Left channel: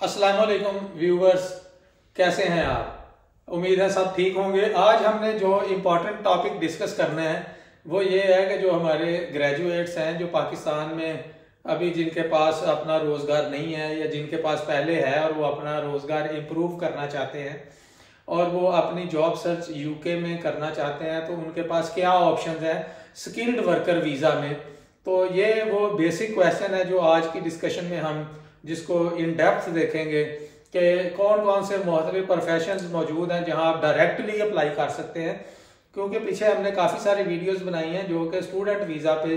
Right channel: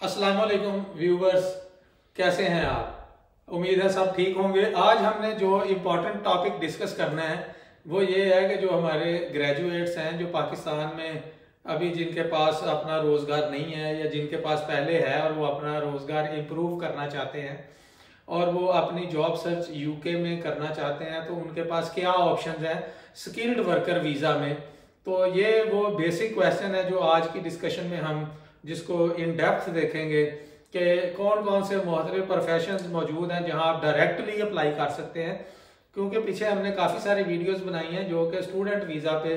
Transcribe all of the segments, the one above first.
अस्सलाम वालेकुम व्यूवर्स, कैसे हैं आप? उम्मीद है सब ठीक होंगे। आज हमने जो इम्पोर्टेंट टॉपिक डिस्कस करना है वो ये है कि जो हमारे ग्रेजुएट्स हैं जो पाकिस्तान में अभी जिनके पास अपना रोज़गार नहीं है या जिनके पास पहले है और वो अपना रोज़गार इम्प्रूव करना चाहते हैं और वो अपनी जॉब सर्च यूके में करना चाहते हैं, तो उनके पास क्या ऑप्शंस हैं स्किल्ड वर्कर वीज़ा में। तो ये वो बेसिक क्वेश्चन है जो आज की डिस्कशन में हम जिसको इन डेप्थ देखेंगे कि कौन कौन से मुख्तलिफ प्रोफेशंस मौजूद हैं जहां आप डायरेक्टली अप्लाई कर सकते हैं, क्योंकि पीछे हमने काफ़ी सारी वीडियोस बनाई हैं जो कि स्टूडेंट वीज़ा पे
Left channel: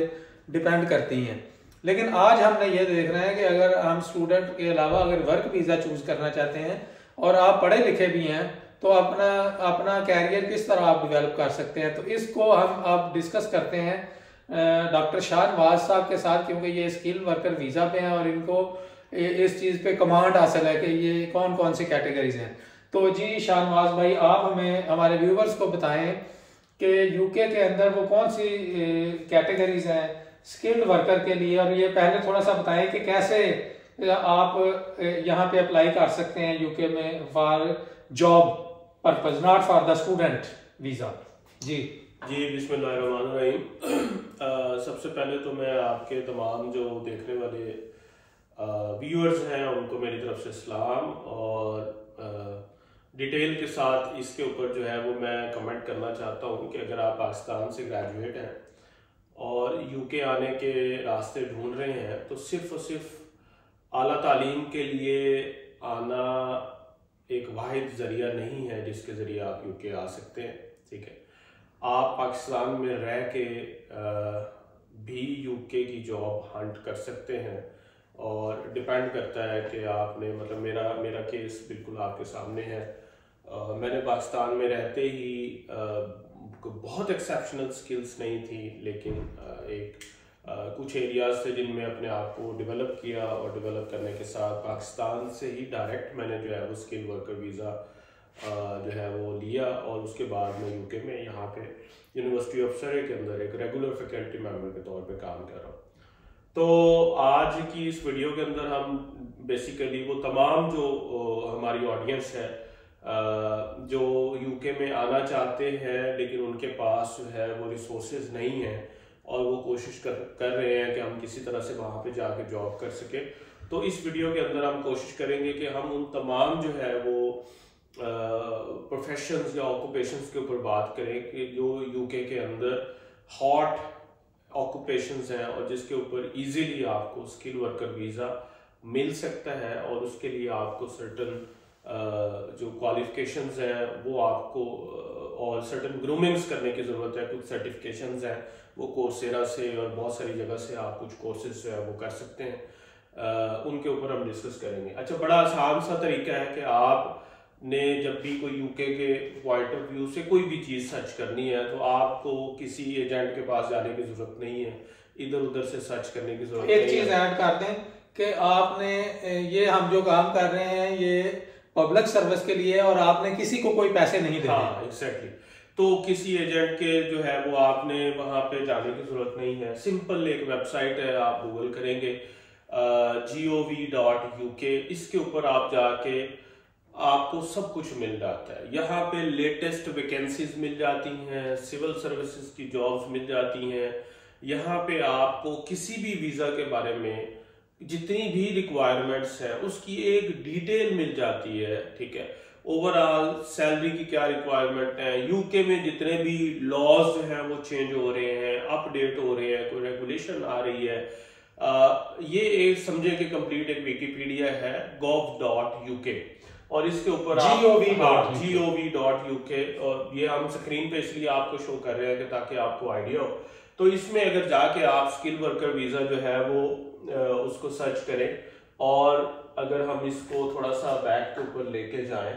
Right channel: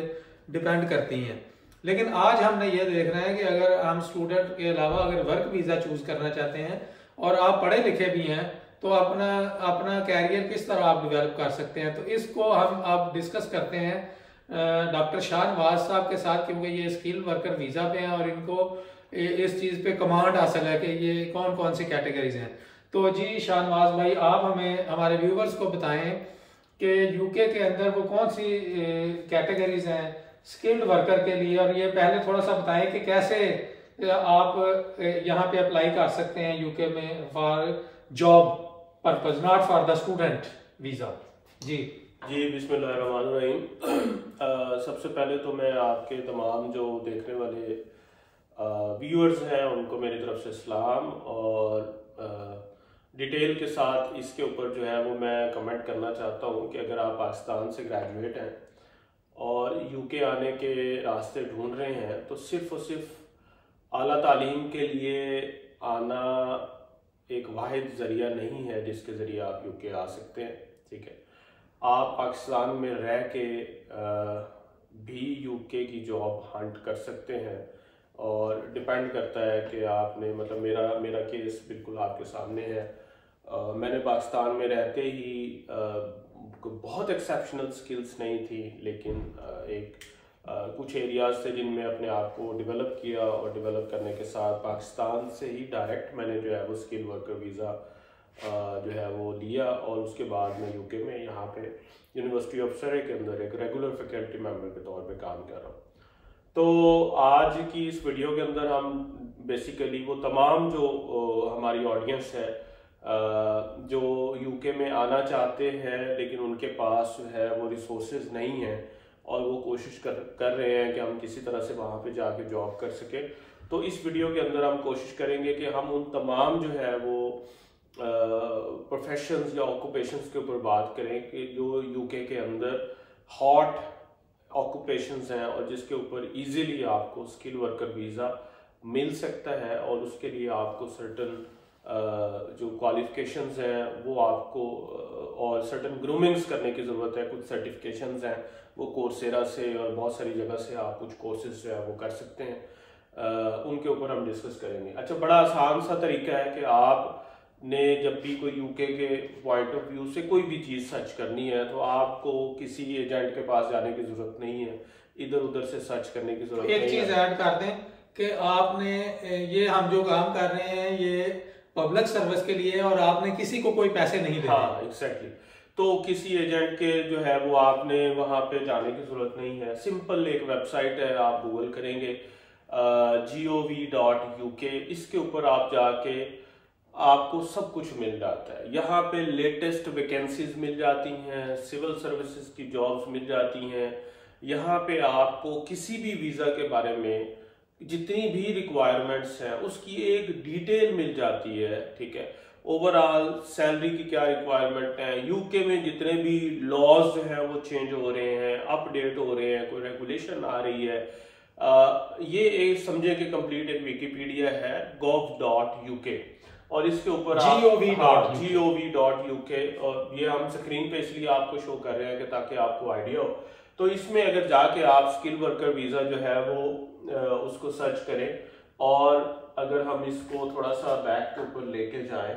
डिपेंड करती हैं। लेकिन आज हमने ये देखना है कि अगर हम स्टूडेंट के अलावा अगर वर्क वीज़ा चूज़ करना चाहते हैं और आप पढ़े लिखे भी हैं तो अपना अपना कैरियर किस तरह आप डेवलप कर सकते हैं, तो इसको हम अब डिस्कस करते हैं डॉक्टर शाहनवाज साहब के साथ, क्योंकि ये स्किल वर्कर वीज़ा पे हैं और इनको इस चीज़ पे कमांड हासिल है कि ये कौन कौन सी कैटेगरीज हैं। तो जी शाहनवाज भाई, आप हमें हमारे व्यूवर्स को बताएं कि यूके के अंदर वो कौन सी कैटेगरीज हैं स्किल्ड वर्कर के लिए, और ये पहले थोड़ा सा बताएं कि कैसे आप यहाँ पे अप्लाई कर सकते हैं यूके में for job purpose, not for the student visa. जी बिस्मिल्लाहिर्रहमानिर्रहीम। सबसे पहले तो मैं आपके तमाम जो देखने वाले व्यूअर्स हैं उनको मेरी तरफ से सलाम, और डिटेल के साथ इसके ऊपर जो है वो मैं कमेंट करना चाहता हूँ कि अगर आप पाकिस्तान से ग्रेजुएट हैं और यूके आने के रास्ते ढूंढ रहे हैं तो सिर्फ और सिर्फ आला तालीम के लिए आना एक वाहिद ज़रिया नहीं है जिसके ज़रिए आप यूके आ सकते हैं। ठीक है, आप पाकिस्तान में रह के भी यूके की जॉब हंट कर सकते हैं, और डिपेंड करता है कि आपने मतलब मेरा केस बिल्कुल आपके सामने है। मैंने पाकिस्तान में रहते ही बहुत एक्सेप्शनल स्किल्स नहीं थी, लेकिन कुछ एरियाज थे जिनमें अपने आप को डेवलप किया, और डेवलप करने के साथ पाकिस्तान से ही डायरेक्ट मैंने जो है वो स्किल वर्कर वीज़ा जो है वो लिया, और उसके बाद मैं यूके में यहाँ पे यूनिवर्सिटी ऑफ सरे के अंदर एक रेगुलर फैकल्टी मेंबर के तौर पे काम कर रहा हूँ। तो आज की इस वीडियो के अंदर हम बेसिकली वो तमाम जो हमारी ऑडियंस है जो यूके में आना चाहते हैं लेकिन उनके पास जो है वो रिसोर्सेज नहीं है और वो कोशिश कर रहे हैं कि हम किसी तरह से वहाँ पे जाके जॉब कर सके, तो इस वीडियो के अंदर हम कोशिश करेंगे कि हम उन तमाम जो है वो प्रोफेशंस या ऑक्यूपेशंस के ऊपर बात करें कि जो यूके के अंदर हॉट ऑक्यूपेशंस हैं और जिसके ऊपर इजीली आपको स्किल वर्कर वीज़ा मिल सकता है, और उसके लिए आपको सर्टन जो क्वालिफिकेशंस हैं वो आपको और सर्टन ग्रूमिंग्स करने की ज़रूरत है। कुछ सर्टिफिकेशंस हैं वो कोर्सेरा से और बहुत सारी जगह से आप कुछ कोर्सेज जो है वो कर सकते हैं, उनके ऊपर हम डिस्कस करेंगे। अच्छा, बड़ा आसान सा तरीका है कि आपने जब भी कोई यूके के पॉइंट ऑफ व्यू से कोई भी चीज़ सर्च करनी है तो आपको किसी एजेंट के पास जाने की ज़रूरत नहीं है, इधर उधर से सर्च करने की ज़रूरत नहीं है। एक चीज़ ऐड कर दें कि आपने ये हम जो काम कर रहे हैं ये पब्लिक सर्विस के लिए और आपने किसी को कोई पैसे नहीं देने। हाँ, एग्जैक्टली। तो किसी एजेंट के जो है वो आपने वहाँ पे जाने की जरूरत नहीं है। सिंपल एक वेबसाइट है, आप गूगल करेंगे gov.uk, इसके ऊपर आप जाके आपको सब कुछ मिल जाता है। यहाँ पे लेटेस्ट वैकेंसीज मिल जाती हैं, सिविल सर्विसेज की जॉब्स मिल जाती हैं। यहाँ पे आपको किसी भी वीज़ा के बारे में जितनी भी रिक्वायरमेंट्स है उसकी एक डिटेल मिल जाती है। ठीक है, ओवरऑल सैलरी की क्या रिक्वायरमेंट है, यूके में जितने भी लॉज जो हैं वो चेंज हो रहे हैं, अपडेट हो रहे हैं, कोई रेगुलेशन आ रही है, ये एक समझे कि कंप्लीट एक विकिपीडिया है gov.uk, और इसके ऊपर gov.uk, और ये हम स्क्रीन पे इसलिए आपको शो कर रहे हैं कि ताकि आपको आइडिया हो। तो इसमें अगर जाके आप स्किल वर्कर वीज़ा जो है वो उसको सर्च करें, और अगर हम इसको थोड़ा सा बैक के ऊपर लेके जाएं,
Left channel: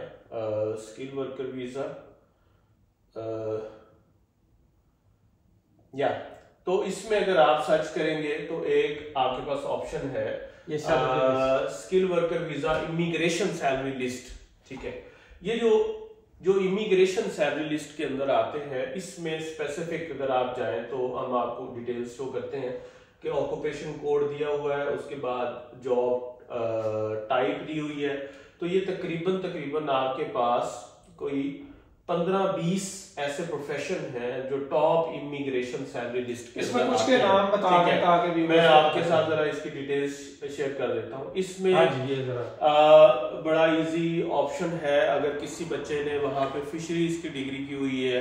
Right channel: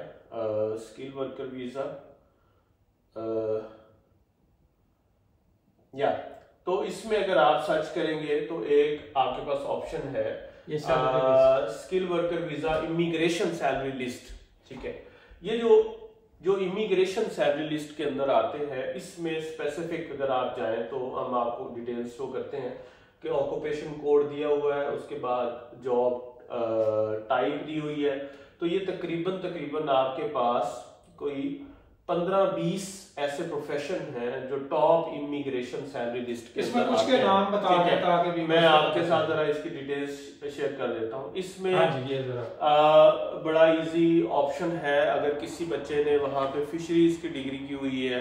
स्किल वर्कर वीज़ा या तो इसमें अगर आप सर्च करेंगे तो एक आपके पास ऑप्शन है skill worker visa immigration salary list. ठीक है, ये जो इमिग्रेशन सैलरी लिस्ट के अंदर आते हैं इसमें स्पेसिफिक अगर आप जाएं तो हम आपको डिटेल्स शो करते हैं कि ऑक्यूपेशन कोड दिया हुआ है, उसके बाद जॉब टाइप दी हुई है। तो ये तकरीबन आपके पास कोई 15-20 ऐसे प्रोफेशन हैं जो टॉप इमिग्रेशन सैलरी लिस्ट के इसमें कुछ के नाम बता दें ताकि मैं आपके साथ जरा इसकी डिटेल्स शेयर कर देता हूँ। इसमें ये जरा बड़ा इजी ऑप्शन है, अगर किसी बच्चे ने वहां पे फिशरीज की डिग्री की हुई है,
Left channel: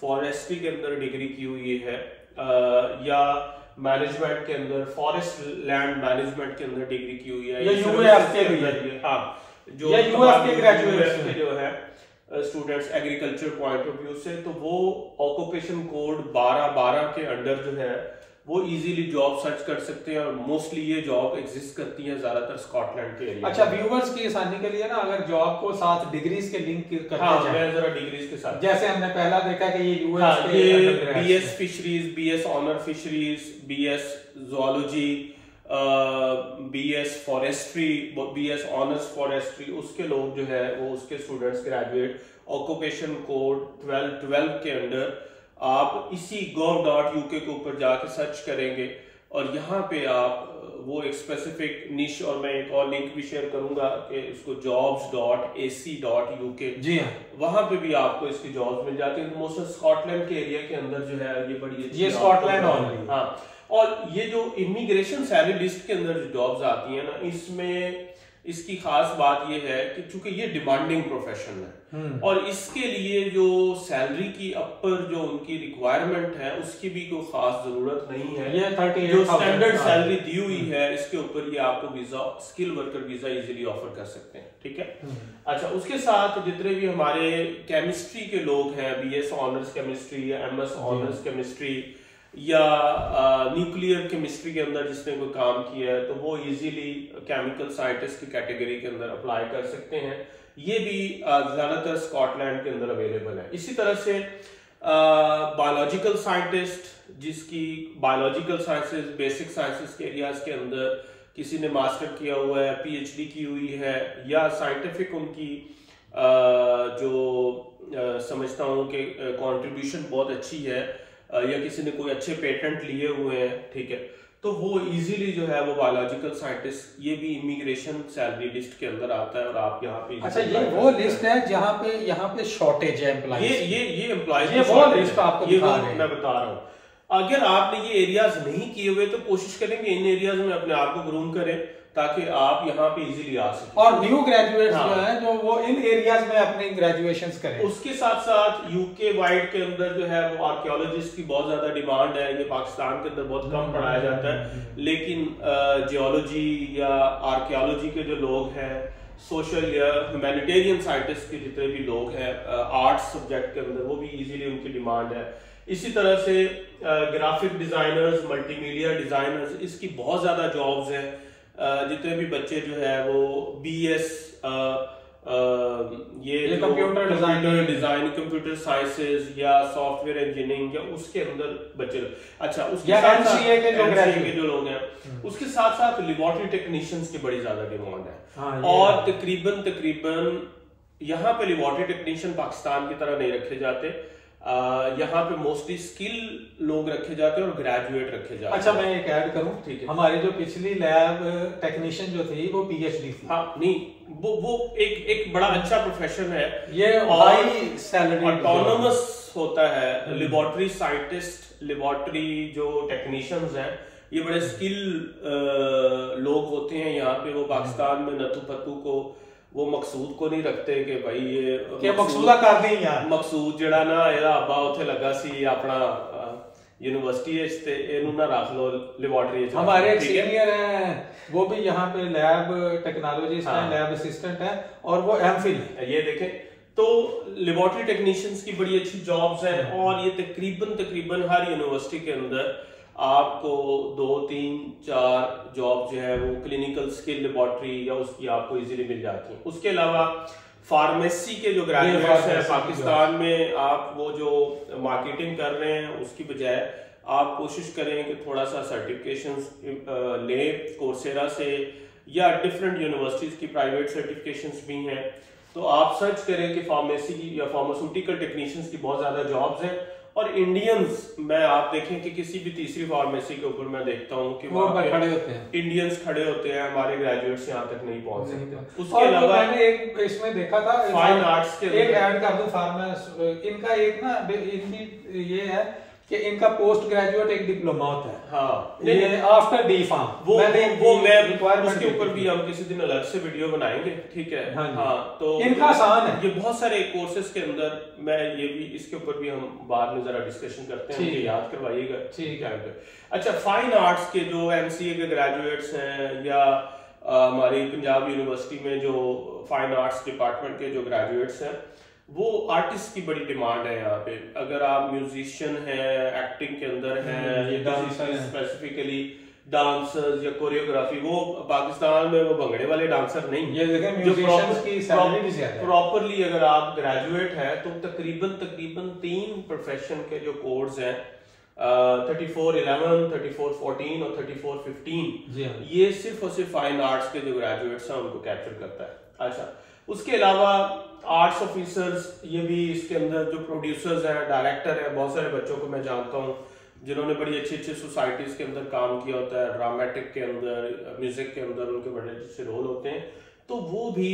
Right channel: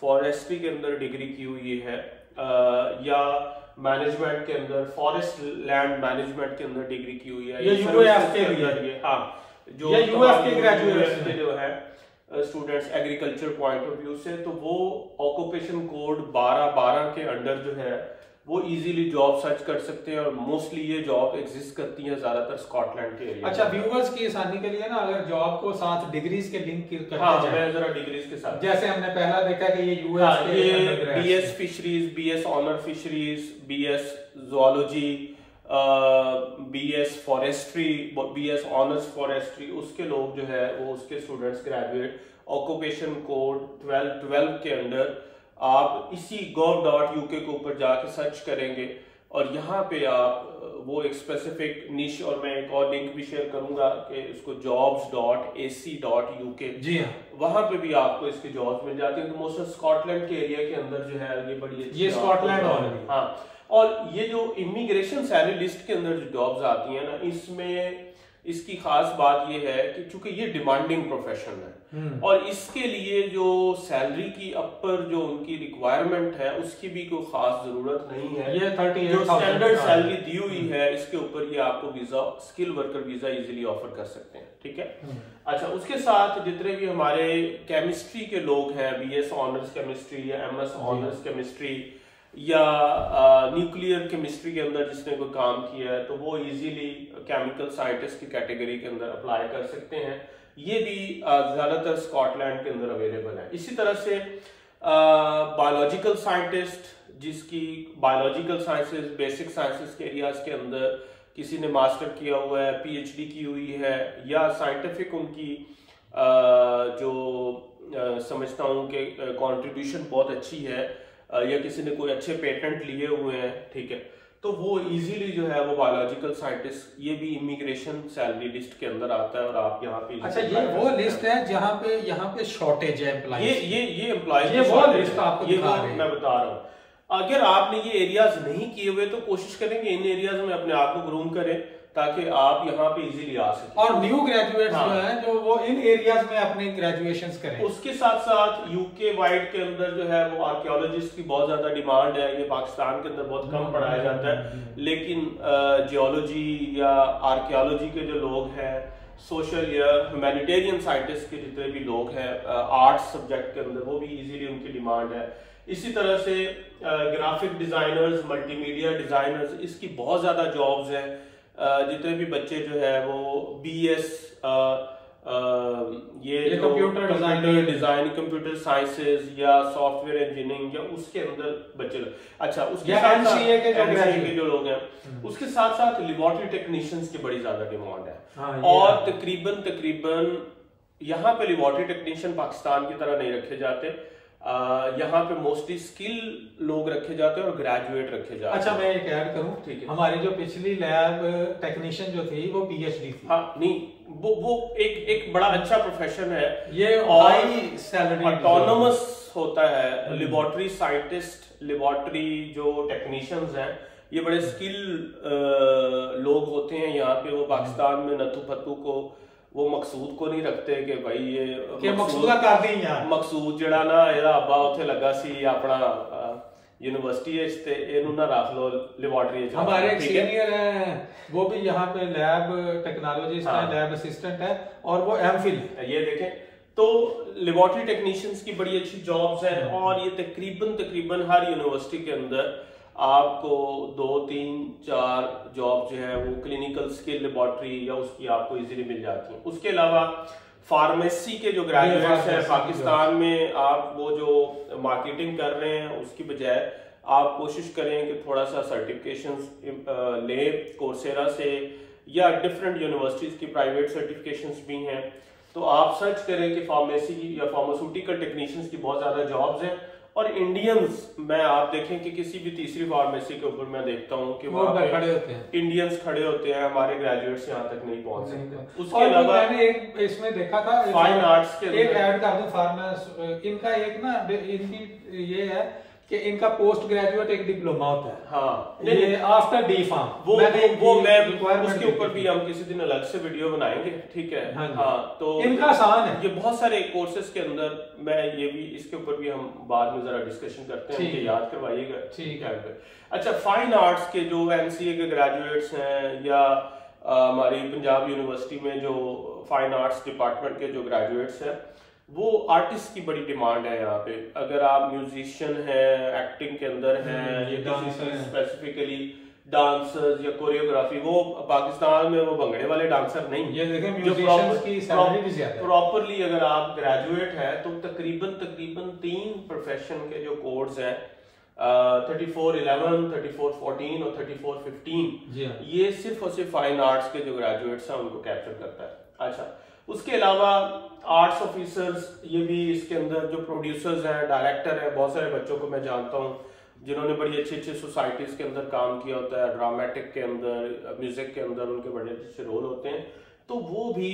फॉरेस्ट्री के अंदर डिग्री की हुई है, या मैनेजमेंट के अंदर फॉरेस्ट लैंड मैनेजमेंट के अंदर डिग्री की हुई है, या यूएफ के अंदर ये हाँ जो यूएफ के ग्रेजुएट जो है students agriculture point of view से, तो वो ऑक्यूपेशन कोड 1212 के अंडर जो है वो इजीली जॉब सर्च कर सकते हैं और मोस्टली ये जॉब एग्जिस्ट करती है ज्यादातर स्कॉटलैंड के एरिया। अच्छा, व्यूअर्स की आसानी के लिए ना अगर जॉब को साथ डिग्रीज के लिंक करते हाँ, मैं जरा डिग्रीज के साथ, जैसे हमने पहला देखा कि ये यूएस के BS fisheries, BS honour fisheries, BS zoology, BS forestry, BS honours forestry, उसके लोग जो है वो उसके स्टूडेंट्स ग्रेजुएट ऑक्यूपेशन कोड 1212 के अंडर आप इसी gov.uk के ऊपर जाके सर्च करेंगे और यहाँ पे आप वो एक स्पेसिफिक निश, और मैं एक और लिंक भी शेयर करूंगा कि इसको jobs.ac.uk, जी हाँ, वहां पे भी आपको इसकी जॉब्स मिल जाती हैं। तो मोस्ट स्कॉटलैंड के एरिया के अंदर जो है ये बड़ी अच्छी, ये स्कॉटलैंड ऑनली, हाँ। और ये जो इमिग्रेशन सैलरी लिस्ट के अंदर जो जॉब्स आती हैं ना, इसमें इसकी खास बात ये है कि चूंकि ये डिमांडिंग प्रोफेशन है और इसके लिए जो सैलरी की अपर जो उनकी रिक्वायरमेंट है उसकी भी कोई खास जरूरत नहीं है। ये 38 जो स्टैंडर्ड सैलरी दी हुई है इसके ऊपर ये आपको visa, skill worker visa easily offer कर सकते हैं, ठीक है। अच्छा, उसके साथ जितने भी हमारे केमिस्ट्री के लोग हैं, बीएस ऑनर्स केमिस्ट्री या एमएस ऑनर्स केमिस्ट्री या न्यूक्लियर केमिस्ट्री के अंदर जिसने कोई काम किया है, तो वो इजीली केमिकल साइंटिस्ट की कैटेगरी के अंदर अप्लाई कर सकते हैं। ये भी ज्यादातर स्कॉटलैंड के अंदर अवेलेबल है। इसी तरह से बायोलॉजिकल साइंटिस्ट, जिसकी बायोलॉजिकल साइंसेस, बेसिक साइंसेस के एरियाज के अंदर किसी ने मास्टर किया हुआ है, पीएचडी की हुई है, या साइंटिफिक उनकी जो समझता हूँ कि कंट्रीब्यूशन बहुत अच्छी है, या किसी ने कोई अच्छे पेटेंट लिए हुए हैं, ठीक है, तो वो इजीली जो है वो बायोलॉजिकल साइंटिस्ट ये भी इमिग्रेशन सैलरी लिस्ट के अंदर आता है और आप यहाँ पे। अच्छा, ये वो लिस्ट है जहाँ पे शॉर्टेज है एम्प्लॉइज, ये एम्प्लॉइज, ये वो लिस्ट आपको ये मैं बता रहा हूँ। अगर आपने ये एरियाज नहीं किए हुए तो कोशिश करेंगे इन एरियाज में अपने आप को ग्रूम करें ताकि आप यहाँ पे इजीली आ सकें। और न्यू ग्रेजुएट्स जो हैं जो वो इन एरियाज में अपने ग्रेजुएशंस करें। उसके साथ साथ यूके वाइड के अंदर जो है वो आर्कियोलॉजिस्ट की बहुत ज्यादा डिमांड है। ये पाकिस्तान के अंदर बहुत कम पढ़ाया जाता है, लेकिन जियोलॉजी या आर्कियोलॉजी के जो लोग हैं, सोशल या ह्यूमैनिटेरियन साइंटिस्ट के जितने भी लोग हैं आर्ट्स सब्जेक्ट के अंदर, वो भी इजीली उनकी डिमांड है। इसी तरह से ग्राफिक डिजाइनर्स, मल्टीमीडिया डिजाइनर्स, इसकी बहुत ज्यादा जॉब्स हैं। जितने भी बच्चे जो है वो बीएस ये कंप्यूटर डिजाइन, कंप्यूटर साइंसेज या सॉफ्टवेयर इंजीनियरिंग या उसके अंदर बच्चे, अच्छा उसके साथ एमसीए के जो लोग हैं, उसके साथ साथ लेबोरेटरी टेक्नीशियंस की बड़ी ज्यादा डिमांड है। और तकरीबन यहाँ पे लेबोरेटरी टेक्नीशियन पाकिस्तान की तरह नहीं रखे जाते, यहाँ पे मोस्टली स्किल लोग रखे जाते हैं और ग्रेजुएट रखे जाते हैं। अच्छा, मैं एक ऐड करूं, ठीक है, हमारी जो पिछली लैब टेक्नीशियन जो थी वो पीएचडी थी। हाँ, नहीं वो एक बड़ा अच्छा प्रोफेशन है ये, हाई सैलरी, ऑटोनोमस होता है। लेबोरेटरी साइंटिस्ट, लेबोरेटरी जो टेक्नीशियंस हैं, ये बड़े स्किल लोग होते हैं यहाँ पे। वो पाकिस्तान में नथु पत्तू को, वो मकसूद को नहीं रखते कि भाई ये मकसूदा कर दी यार, मकसूद जड़ा ना ਇਹਦਾ ਅੱਬਾ ਉੱਥੇ ਲੱਗਾ ਸੀ ਆਪਣਾ यूनिवर्सिटी है ते ਇਹਨੂੰ ना रख लो लेबोरेटरी। हमारे एक सीनियर है वो भी यहाँ पे लैब टेक्नोलॉजिस्ट है, लैब असिस्टेंट है और वो एमफिल है। ये देखें, तो लेबोरेटरी टेक्नीशियंस की बड़ी अच्छी जॉब्स हैं और ये तकरीबन हर यूनिवर्सिटी के अंदर आपको 2, 3, 4 जॉब जो है वो क्लिनिकल स्किल लेबोरेटरी या उसकी आपको इजीली मिल जाती है। उसके अलावा फार्मेसी के जो ग्रेजुएट्स हैं पाकिस्तान में, आप वो जो मार्केटिंग कर रहे हैं उसकी बजाय आप कोशिश करें कि थोड़ा सा सर्टिफिकेशंस लें कोर्सेरा से या डिफरेंट यूनिवर्सिटीज की प्राइवेट सर्टिफिकेशंस भी हैं। तो आप सर्च करें कि फार्मेसी या फार्मास्यूटिकल टेक्नीशियंस की बहुत ज्यादा जॉब्स हैं और इंडियंस मैं आप देखें कि किसी भी तीसरी फार्मेसी के ऊपर मैं देखता हूँ कि वो खड़े होते हैं, इंडियंस खड़े होते हैं, हमारे ग्रेजुएट्स यहाँ तक नहीं पहुंच सकते। उसके अलावा मैंने एक इसमें देखा था फाइन आर्ट्स के एक ऐड कर दूं फार्मेसी, इनका एक ना इनकी ये है कि इनका पोस्ट ग्रेजुएट एक डिप्लोमा होता है। हाँ, नहीं आफ्टर डी फार्म वो मैं उसके ऊपर भी हम किसी दिन अलग से वीडियो बनाएंगे, ठीक है। हाँ, तो इनका आसान है, ये बहुत सारे कोर्सेज के अंदर मैं ये भी इसके ऊपर भी हम बाद में जरा डिस्कशन करते हैं, मुझे याद करवाइएगा, ठीक है। अच्छा, फाइन आर्ट्स के जो एमसीए के ग्रेजुएट्स हैं या हमारी पंजाब यूनिवर्सिटी में जो फाइन आर्ट्स डिपार्टमेंट के जो ग्रेजुएट्स हैं, वो आर्टिस्ट की बड़ी डिमांड है यहाँ पे। अगर आप म्यूजिशियन हैं, एक्टिंग के अंदर हैं, स्पेसिफिकली डांसर्स या कोरियोग्राफी, वो पाकिस्तान में वो भंगड़े वाले डांसर नहीं, ये देखें म्यूजिशियंस की सैलरी भी ज्यादा है। प्रॉपरली अगर आप ग्रेजुएट हैं तो तकरीबन 3 प्रोफेशन के जो कोर्स हैं 3411, 3414 और 3415, ये सिर्फ और सिर्फ फाइन आर्ट्स के जो ग्रेजुएट्स हैं उनको कैप्चर करता है। अच्छा, उसके अलावा आर्ट्स ऑफिसर्स, ये भी इसके अंदर जो प्रोड्यूसर्स हैं, डायरेक्टर है, बहुत सारे बच्चों को मैं जानता हूँ जिन्होंने बड़ी अच्छी अच्छी सोसाइटीज के अंदर काम किया होता है, ड्रामेटिक के अंदर, म्यूजिक के अंदर उनके बड़े अच्छे रोल होते हैं, तो वो भी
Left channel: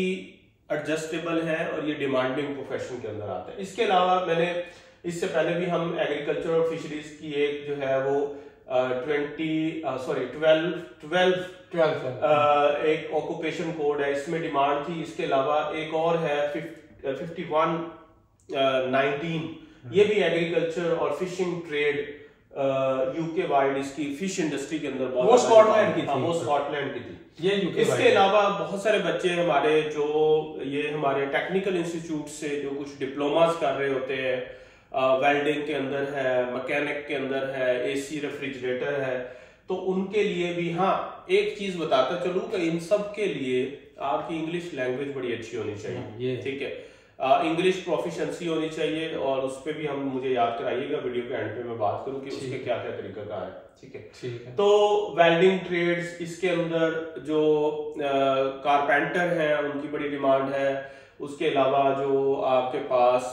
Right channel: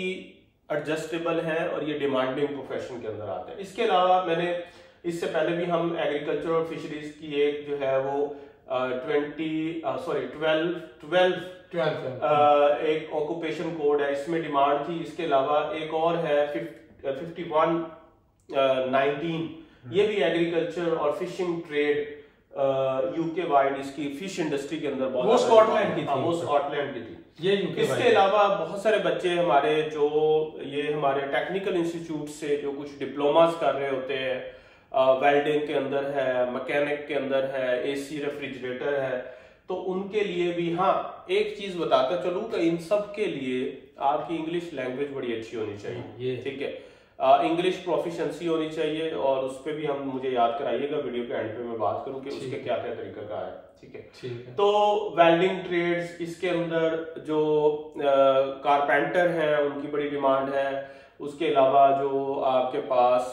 एडजस्टेबल है और ये डिमांडिंग प्रोफेशन के अंदर आते हैं। इसके अलावा मैंने इससे पहले भी हम एग्रीकल्चर और फिशरीज की एक जो है वो 12 एक ऑक्यूपेशन कोड है, इसमें डिमांड थी। इसके अलावा एक और है 5119, ये भी एग्रीकल्चर और फिशिंग ट्रेड यूके वाइड, इसकी फिश इंडस्ट्री के अंदर बहुत, वो स्कॉटलैंड की थी, वो स्कॉटलैंड की थी, ये यूके। इसके अलावा बहुत सारे बच्चे हमारे जो ये हमारे टेक्निकल इंस्टीट्यूट से जो कुछ डिप्लोमास कर रहे होते हैं, वेल्डिंग के अंदर है, मैकेनिक के अंदर है, एसी रेफ्रिजरेटर है, तो उनके लिए भी हाँ एक चीज बताता चलूं कि इन सब के लिए आपकी इंग्लिश लैंग्वेज बड़ी अच्छी होनी चाहिए, ठीक है। इंग्लिश प्रोफिशिएंसी होनी चाहिए और उस पर भी हम मुझे याद कराइएगा, वीडियो के एंड पे मैं बात करूं कि उसके क्या क्या तरीका का है, ठीक है। तो वेल्डिंग ट्रेड्स, इसके अंदर जो कारपेंटर हैं उनकी बड़ी डिमांड है। उसके अलावा जो आपके पास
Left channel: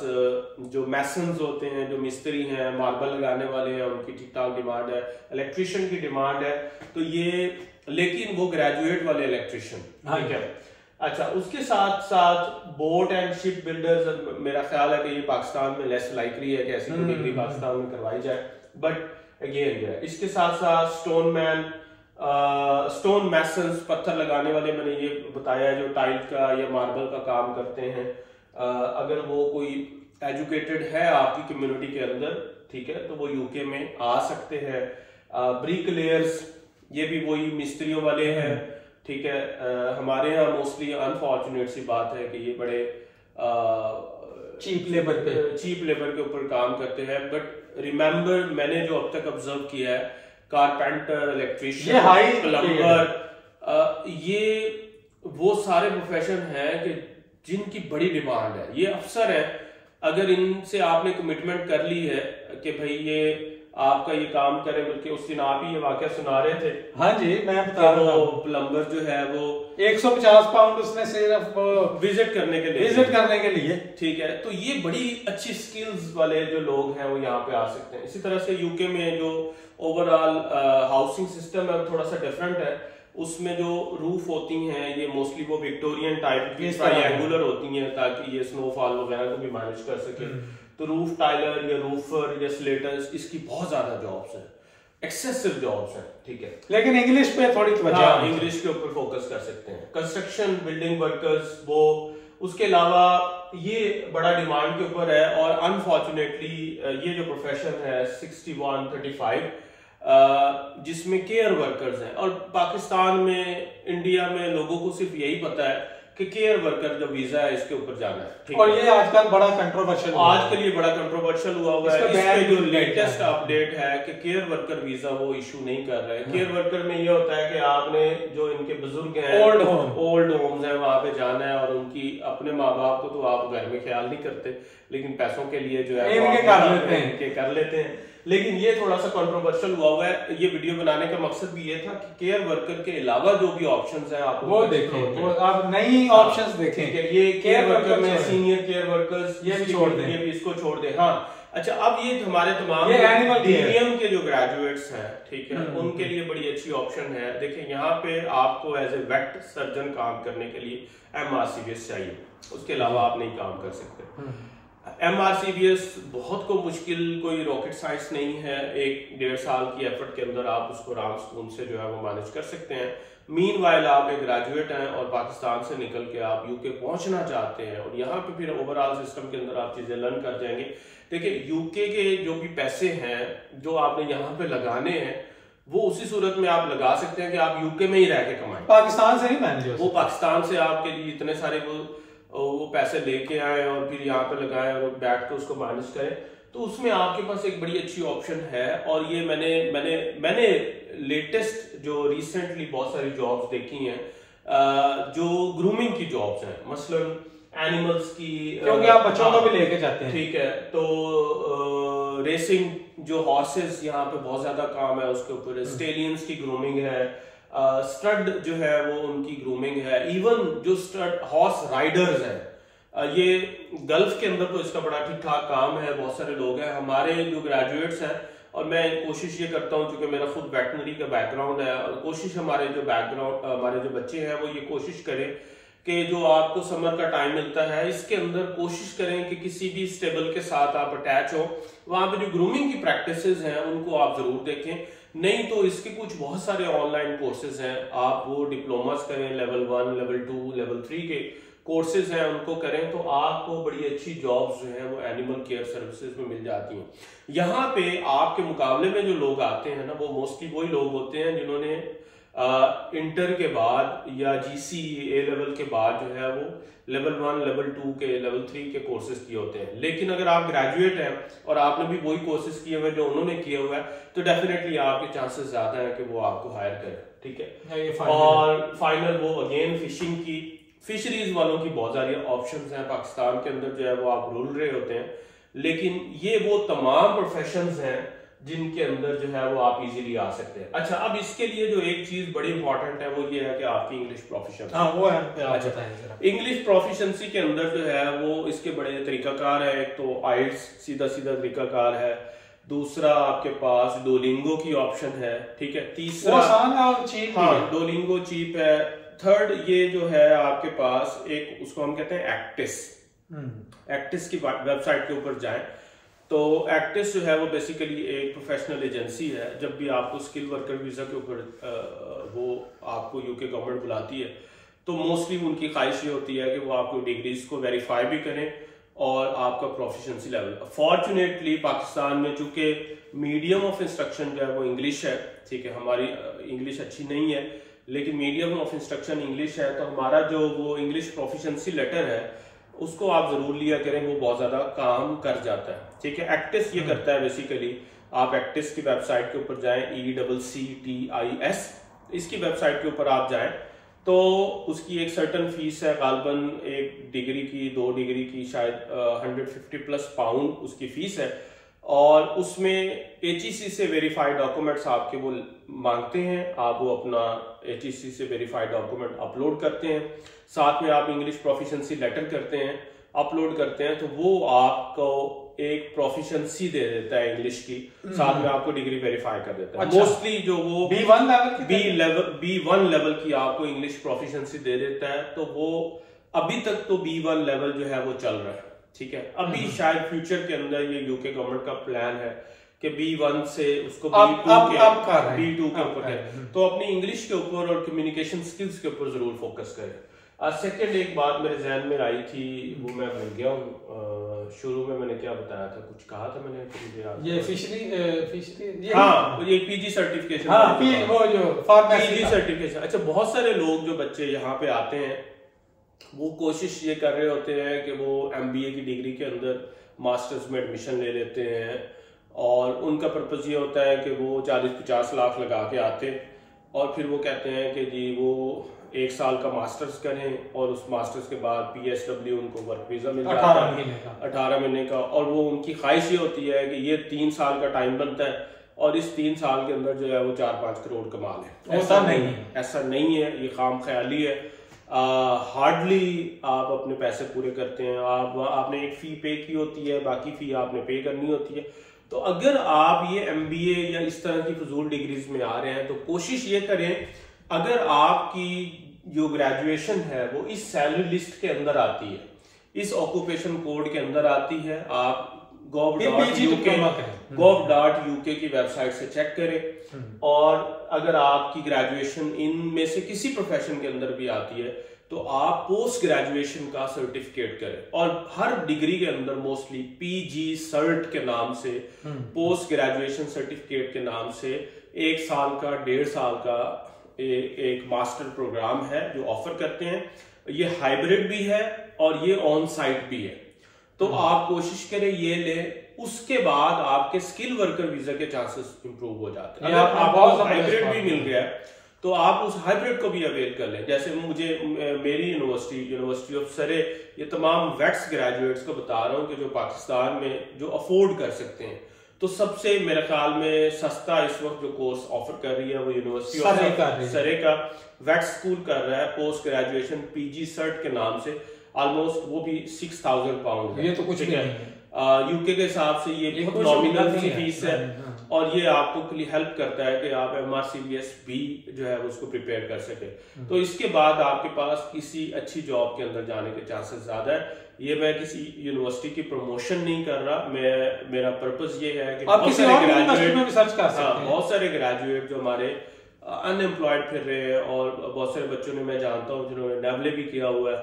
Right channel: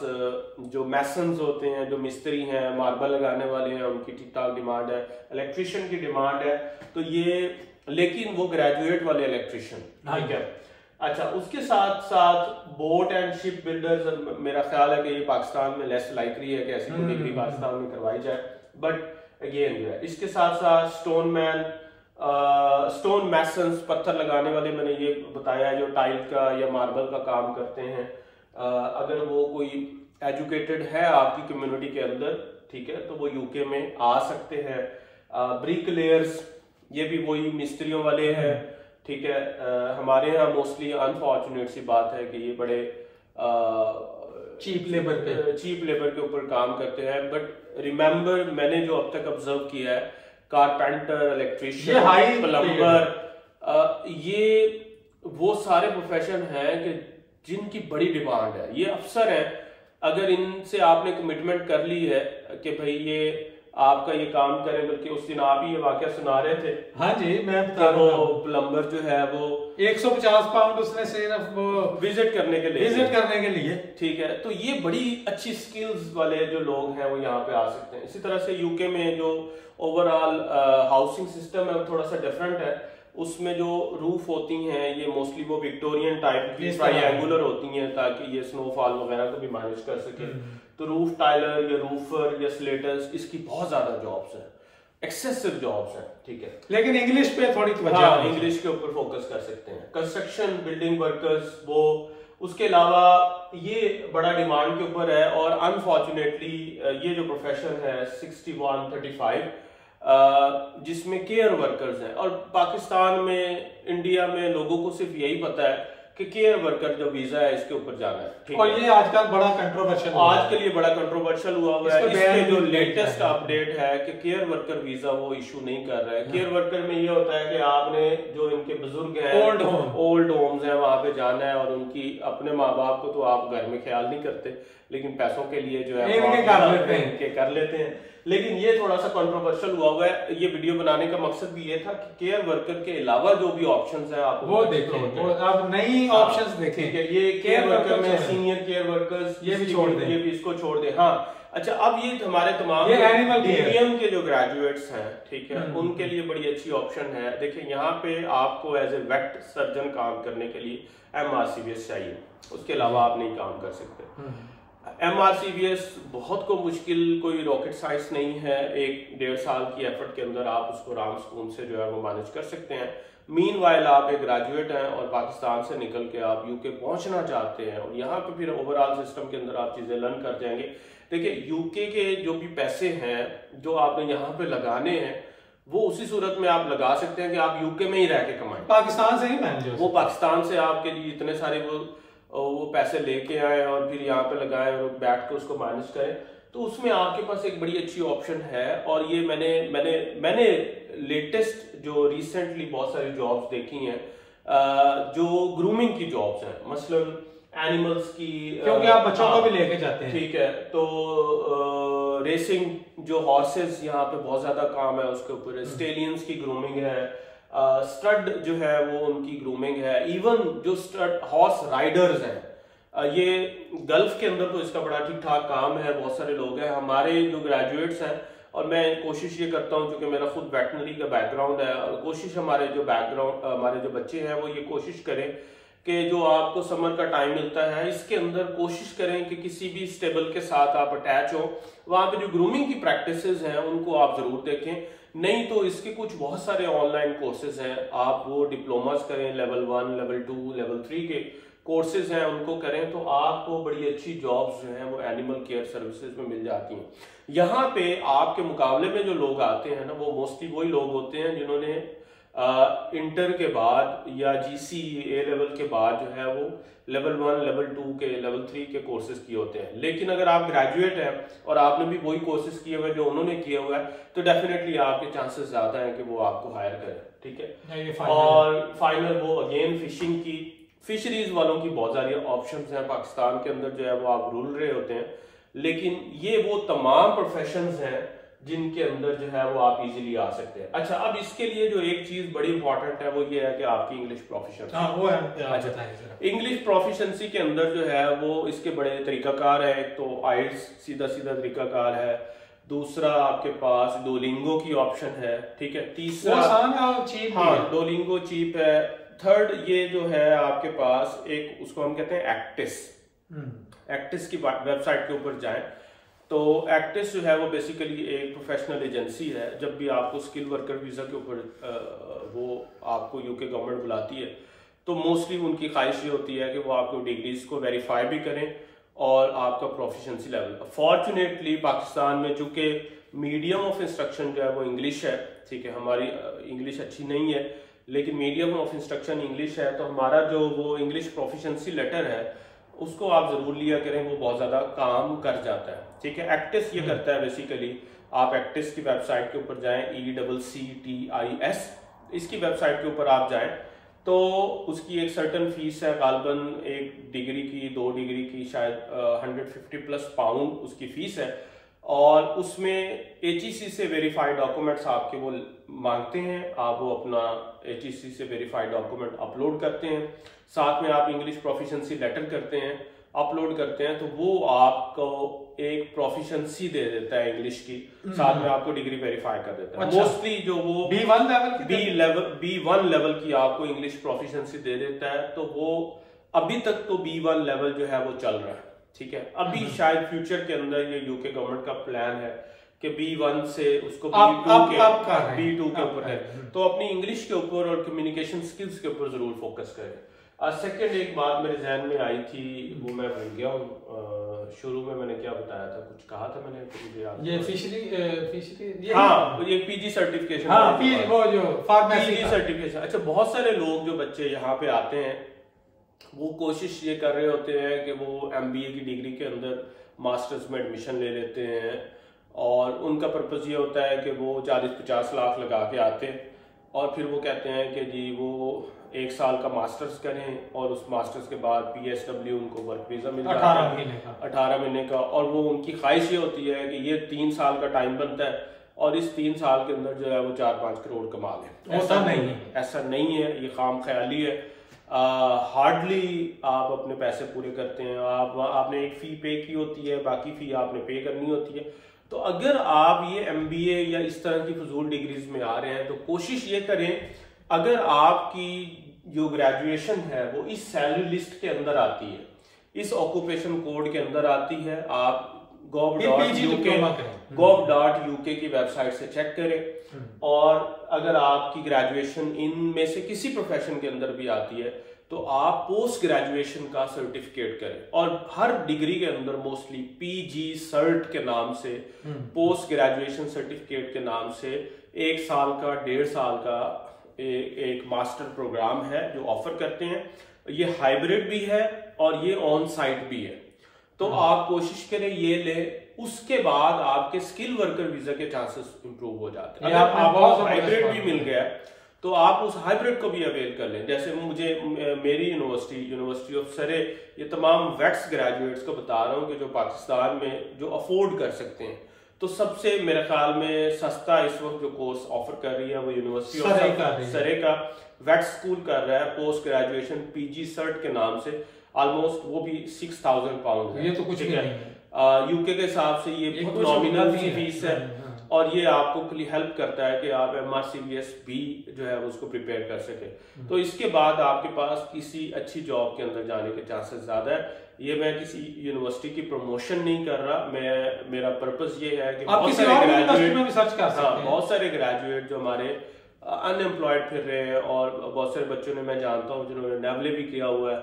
जो मैसन्स होते हैं, जो मिस्त्री हैं, मार्बल लगाने वाले हैं, उनकी ठीक ठाक डिमांड है। इलेक्ट्रिशियन की डिमांड है, तो ये लेकिन वो ग्रेजुएट वाले इलेक्ट्रिशियन, ठीक है। अच्छा, उसके साथ साथ बोट एंड शिप बिल्डर्स, मेरा ख्याल है कि ये पाकिस्तान में लेस लाइकली है कि ऐसी कोई डिग्री पाकिस्तान में करवाई जाए, बट अगेन जो है इसके साथ साथ स्टोन मैसन्स, पत्थर लगाने वाले, मैंने ये बताया जो टाइल का या मार्बल का काम करते हैं, अगर वो कोई एजुकेटेड है आपकी कम्युनिटी के अंदर, ठीक है, तो वो यूके में आ सकते हैं। ब्रिक लेयर्स, ये भी वही मिस्त्रियों वाले हैं, ठीक है। हमारे यहाँ मोस्टली अनफॉर्चुनेट सी बात है कि ये बड़े चीप लेबर के ऊपर काम करते हैं, बट रिमेम्बर मैंने जो अब तक ऑब्जर्व किया है, कारपेंटर, इलेक्ट्रिशियन, प्लम्बर, ये वो सारे प्रोफेशन हैं कि जिनकी बड़ी डिमांड है। ये अफसर है, अगर इनसे आपने कमिटमेंट कर ली है कि भाई ये आपका ये काम करें, बल्कि उस दिन आप ही ये वाकया सुना रहे थे। हाँ जी, मैं बता रहा हूँ, प्लम्बर जो है वो 150 पाउंड उसने सिर्फ विजिट करने के लिए, ठीक है। तो ये बड़ी अच्छी स्किल्स वाले जो लोग हैं वो यहाँ पे आ सकते हैं। इसी तरह से यूके में जो ओवरऑल हाउसिंग सिस्टम है वो थोड़ा सा डिफरेंट है। उसमें जो रूफ होती हैं ये मोस्टली वो विक्टोरियन टाइप की ट्रायंगुलर होती हैं, ताकि ये स्नोफॉल वगैरह को भी मैनेज कर सके। तो रूफ टाइलर या रूफर या स्लेटर्स, इसकी बहुत ज्यादा जॉब्स हैं, एक्सेसिव जॉब्स हैं, ठीक है। लेकिन इंग्लिश पे थोड़ी इंग्लिश के ऊपर फोकस कर सकते हैं। कंस्ट्रक्शन, बिल्डिंग वर्कर्स, वो उसके अलावा ये बड़ा डिमांड के ऊपर है। और अनफॉर्चुनेटली ये जो प्रोफेशन है 6135 जिसमें केयर वर्कर्स हैं, और पाकिस्तान में, इंडिया में लोगों को सिर्फ यही पता है कि केयर वर्कर जो वीजा है इसके ऊपर जाना है, और ये आजकल बड़ा कंट्रोवर्शियल हुआ है। इसके जो लेटेस्ट अपडेट है कि केयर वर्कर वीजा वो इशू नहीं कर रहे हैं। केयर वर्कर में ये होता है कि आपने जो इनके बुजुर्ग हैं, ओल्ड होम्स हैं, वहां पे जाना है और उनकी अपने माँ बाप को तो आप घर में ख्याल नहीं करते, लेकिन पैसों के लिए जो है इनके कर लेते हैं। लेकिन ये थोड़ा सा कंट्रोवर्शियल हुआ है। ये वीडियो बनाने का मकसद भी ये था कि केयर वर्कर के अलावा जो भी ऑप्शंस हैं आप वो देखें, आप नई ऑप्शंस देखें। ये केयर वर्कर में सीनियर केयर वर्कर्स, ये भी छोड़ दें, ये भी इसको छोड़ दें। हाँ, अच्छा, अब ये हमारे तमाम प्रीमियम के जो ग्रेजुएट्स हैं, ठीक है, उनके लिए बड़ी अच्छी ऑप्शन है। देखिए यहाँ पे आपको एज ए वेट सर्जन काम करने के लिए MRCBS चाहिए, उसके अलावा आप नहीं काम कर सकते। MRCBS बहुत को मुश्किल, कोई रॉकेट साइंस नहीं है, 1-1.5 साल की एफर्ट के अंदर आप उसको आराम सुकून से जो है वो मैनेज कर सकते हैं। मीनवाइल आप एक ग्रेजुएट हैं और पाकिस्तान से निकल के आप यूके पहुंचना चाहते हैं और यहाँ पे फिर ओवरऑल सिस्टम के अंदर आप चीजें लर्न कर जाएंगे। देखिए यूके के जो भी पैसे हैं जो आपने यहाँ पे लगाने हैं, वो उसी सूरत में आप लगा सकते हैं कि आप यूके में ही रह के कमाएं, पाकिस्तान से नहीं मैनेज हो। वो पाकिस्तान से आपके लिए इतने सारे वो पैसे लेके आए और फिर यहाँ पे लगाएं और बैठ के उसको मैनेज करें, तो उसमें आपके पास एक बड़ी अच्छी ऑप्शन है। और ये मैंने लेटेस्ट जो रिसेंटली बहुत सारी जॉब्स देखी हैं जो ग्रूमिंग की जॉब्स हैं, मसलन एनिमल्स की, क्योंकि आप बच्चों को भी लेके जाते हैं, ठीक है, तो रेसिंग जो हॉर्सेस यहाँ पे बहुत ज्यादा काम है उसके ऊपर, स्टेलियंस की ग्रूमिंग है, स्टड जो है वो उनकी ग्रूमिंग है, इवन जो स्टड हॉर्स राइडर्स हैं, ये गल्फ के अंदर तो इसका बड़ा ठीक ठाक काम है, बहुत सारे लोग हैं। हमारे जो ग्रेजुएट्स हैं, और मैं कोशिश ये करता हूँ क्योंकि मेरा खुद वेटनरी का बैकग्राउंड है, और कोशिश हमारे जो बच्चे हैं वो ये कोशिश करें कि जो आपको समर का टाइम मिलता है इसके अंदर कोशिश करें कि किसी भी स्टेबल के साथ आप अटैच हो, वहां पे जो ग्रूमिंग की प्रैक्टिसेस हैं उनको आप जरूर देखें। नहीं तो इसके कुछ बहुत सारे ऑनलाइन कोर्सेज हैं, आप वो डिप्लोमास करें, लेवल 1, लेवल 2, लेवल 3 के कोर्सेज हैं उनको करें, तो आपको बड़ी अच्छी जॉब्स जो है वो एनिमल केयर सर्विसेज में मिल जाती हैं। यहाँ पे आपके मुकाबले में जो लोग आते हैं ना, वो मोस्टली वही लोग होते हैं जिन्होंने इंटर के बाद या GC A लेवल के बाद जो है वो लेवल 1, लेवल 2 के, लेवल 3 के कोर्सेज किए होते हैं। लेकिन अगर आप ग्रेजुएट हैं और आपने भी वही कोर्सेज किए हुए जो उन्होंने किए हुआ है, तो डेफिनेटली आपके चांसेस ज्यादा हैं कि वो आपको हायर करें, ठीक है। और फाइनल वो अगेन फिशरीज वालों की बहुत सारी ऑप्शंस हैं पाकिस्तान के अंदर, जो है वो आप ढूंढ रहे होते हैं, लेकिन ये वो तमाम प्रोफेशंस हैं जिनके अंदर जो है वो आप इजीली आ सकते हैं। अच्छा, अब इसके लिए जो एक चीज बड़ी इंपॉर्टेंट है वो ये है कि आपकी इंग्लिश प्रोफिशिएंसी। हाँ, वो है। अच्छा, इंग्लिश प्रोफिशिएंसी के अंदर जो है वो इसके बड़े तरीकाकार है। एक तो IELTS सीधा तरीकाकार है, दूसरा आपके पास डोलिंगो की ऑप्शन है, ठीक है, तीसरा आसान है और चीप है। हाँ, डोलिंगो चीप है। थर्ड ये जो है आपके पास एक, उसको हम कहते हैं एक्टिस की वेबसाइट के ऊपर जाएं तो एक्टिस जो है वो बेसिकली एक प्रोफेशनल एजेंसी है। जब भी आपको स्किल वर्कर वीजा के ऊपर वो आपको यूके गवर्नमेंट बुलाती है तो मोस्टली उनकी ख्वाहिश ये होती है कि वो आपको डिग्रीज को वेरीफाई भी करें और आपका प्रोफिशिएंसी लेवल। फॉर्चुनेटली पाकिस्तान में चूंकि मीडियम ऑफ इंस्ट्रक्शन जो है वो इंग्लिश है, ठीक है, हमारी इंग्लिश अच्छी नहीं है लेकिन मीडियम ऑफ इंस्ट्रक्शन इंग्लिश है, तो हमारा जो वो इंग्लिश प्रोफिशिएंसी लेटर है उसको आप जरूर लिया करें, वो बहुत ज्यादा काम कर जाता है, ठीक है। एक्टिस ये करता है बेसिकली, आप एक्टिस की वेबसाइट के ऊपर जाएं, ECCTIS, इसकी वेबसाइट के ऊपर आप जाएं तो उसकी एक सर्टन फीस है, गालबन 1 डिग्री की, 2 डिग्री की, शायद 150+ पाउंड उसकी फीस है, और उसमें HEC से वेरीफाइड डॉक्यूमेंट्स आपके वो मांगते हैं। आप वो अपना HEC से वेरीफाइड डॉक्यूमेंट अपलोड करते हैं, साथ में आप इंग्लिश प्रोफिशिएंसी लेटर करते हैं, अपलोड करते हैं, तो वो आपको एक प्रोफिशिएंसी दे देता है इंग्लिश की, साथ में आपको डिग्री वेरीफाई कर देता है। अच्छा। मोस्टली जो वो B1 लेवल की आपको इंग्लिश प्रोफिशिएंसी दे देता है, तो वो अभी तक तो B1 लेवल जो है वो चल रहा है, ठीक है। अभी शायद फ्यूचर के अंदर ये यूके गवर्नमेंट का प्लान है कि B1 से उसको B2 के ऊपर है, तो अपनी इंग्लिश के ऊपर और कम्युनिकेशन स्किल्स के ऊपर जरूर फोकस करें। सेकंड एक बात मेरे जहन में आई थी, वो मैं भूल गया हूँ, शुरू में मैंने क्या बताया था, कुछ कहा था मैंने, तो मुझे याद ये फिशरी हाँ, ये PG सर्टिफिकेशन, वो जो PG सर्टिफिकेशन। अच्छा, बहुत सारे लोग जो बच्चे यहाँ पे आते हैं वो कोशिश ये कर रहे होते हैं कि वो MBA की डिग्री के अंदर मास्टर्स में एडमिशन ले लेते हैं, और उनका पर्पस ये होता है कि वो 40-50 लाख लगा के आते और फिर वो कहते हैं कि जी वो 1 साल का मास्टर्स करें और उस मास्टर्स के बाद PSW उनको वर्क वीजा मिल जाता है 18 महीने का, और वो उनकी ख्वाहिश ये होती है कि ये 3 साल का टाइम बनता है और इस 3 साल के अंदर जो है वो 4-5 करोड़ कमा लें। ऐसा नहीं है, ये खाम ख्याली है। हार्डली आप अपने पैसे पूरे करते हैं। आपने एक फ़ी पे की होती है, बाकी फ़ी आपने पे करनी होती है। तो अगर आप ये MBA या इस तरह की फजूल डिग्रीज में आ रहे हैं तो कोशिश ये करें, अगर आपकी जो ग्रेजुएशन है वो इस सैलरी लिस्ट के अंदर आती है, इस ऑक्यूपेशन कोड के अंदर आती है, आप gov.uk की वेबसाइट से चेक करें। और अगर आपकी ग्रेजुएशन इनमें से किसी प्रोफेशन के अंदर भी आती है तो आप पोस्ट ग्रेजुएशन का सर्टिफिकेट करें। और हर डिग्री के अंदर मोस्टली PG सर्ट के नाम से, पोस्ट ग्रेजुएशन सर्टिफिकेट के नाम से 1 साल का 1.5 साल का एक मास्टर प्रोग्राम है जो ऑफर करते हैं। ये हाइब्रिड भी है और ये ऑन साइट भी है। तो आप कोशिश करें ये ले, उसके बाद आपके स्किल वर्कर वीजा के चांसेस इंप्रूव हो जाते हैं। अगर आपको हाइब्रिड भी मिल गया तो आप उस हाइब्रिड को भी अवेल कर लें। जैसे मेरी यूनिवर्सिटी ऑफ सरे, ये तमाम वेट्स ग्रेजुएट्स को बता रहा हूँ कि जो पाकिस्तान में जो अफोर्ड कर सकते हैं, तो सबसे मेरे ख्याल में सस्ता इस वक्त जो कोर्स ऑफर कर रही है वो यूनिवर्सिटी ऑफ सरे का वेट स्कूल कर रहा है, पोस्ट ग्रेजुएशन PG सर्ट के नाम से। ऑलमोस्ट वो भी 6,000 पाउंड है। ये तो कुछ नहीं है। यूके के हिसाब से ये नॉमिनल फीस है और ये आपको हेल्प करता है कि आप MRCBS भी जो है उसको प्रिपेयर कर सके। तो इसके बाद आपके पास किसी अच्छी जॉब के अंदर जाने के चांसेस ज्यादा है। ये मैं किसी यूनिवर्सिटी की प्रमोशन नहीं कर रहा, मेरा पर्पस ये है कि बहुत सारे ग्रेजुएट जो हमारे अनएम्प्लॉयड फिर रहे हैं, और बहुत सारे बच्चों ने मैं जानता हूँ जिन्होंने नेवले भी किया हुआ है,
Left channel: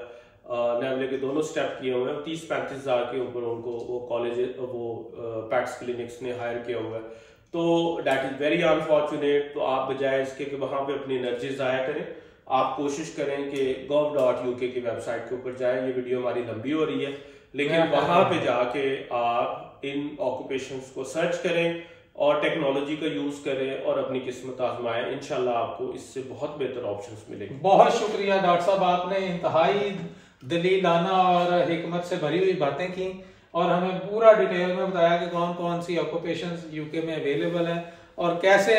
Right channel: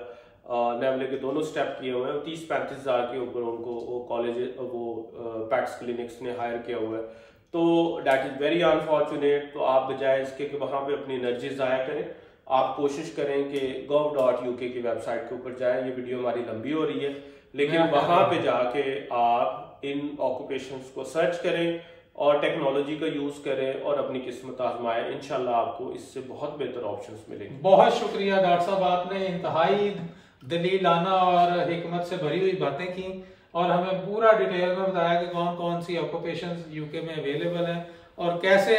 नेवले के दोनों स्टेप किए हुए हैं। 30-35 हज़ार के ऊपर उनको वो कॉलेज पैट्स क्लिनिक्स ने हायर किया हुआ है। तो डैट इज वेरी अनफॉर्चुनेट। तो आप बजाय इसके कि वहां पे अपनी एनर्जी जाया करें, आप कोशिश करें कि gov.uk की वेबसाइट के ऊपर जाएं। ये वीडियो हमारी लंबी हो रही है, लेकिन वहां पे जाके आप इन ऑक्यूपेशंस को सर्च करें और टेक्नोलॉजी का यूज करें और अपनी किस्मत आजमाएं। इंशाल्लाह आपको इससे बहुत बेहतर ऑप्शंस मिलेंगे। बहुत शुक्रिया डॉक्टर साहब, आपने इंतहाई दलीलाना और हिकमत से भरी हुई बातें की और हमें पूरा डिटेल में बताया कि कौन कौन सी ऑक्यूपेशंस यूके में अवेलेबल हैं और कैसे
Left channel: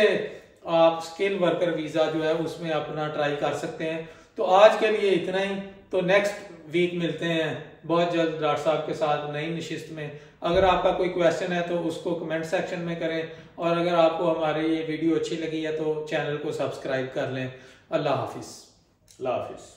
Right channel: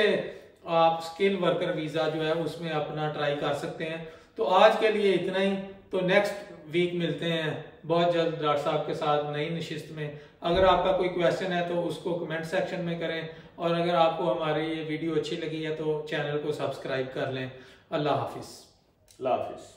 आप स्किल वर्कर वीजा जो है उसमें अपना ट्राई कर सकते हैं। तो आज के लिए इतना ही। तो नेक्स्ट वीक मिलते हैं बहुत जल्द डॉक्टर साहब के साथ नई नशिस्त में। अगर आपका कोई क्वेश्चन है तो उसको कमेंट सेक्शन में करें, और अगर आपको हमारी ये वीडियो अच्छी लगी है तो चैनल को सब्सक्राइब कर लें। अल्लाह हाफिज।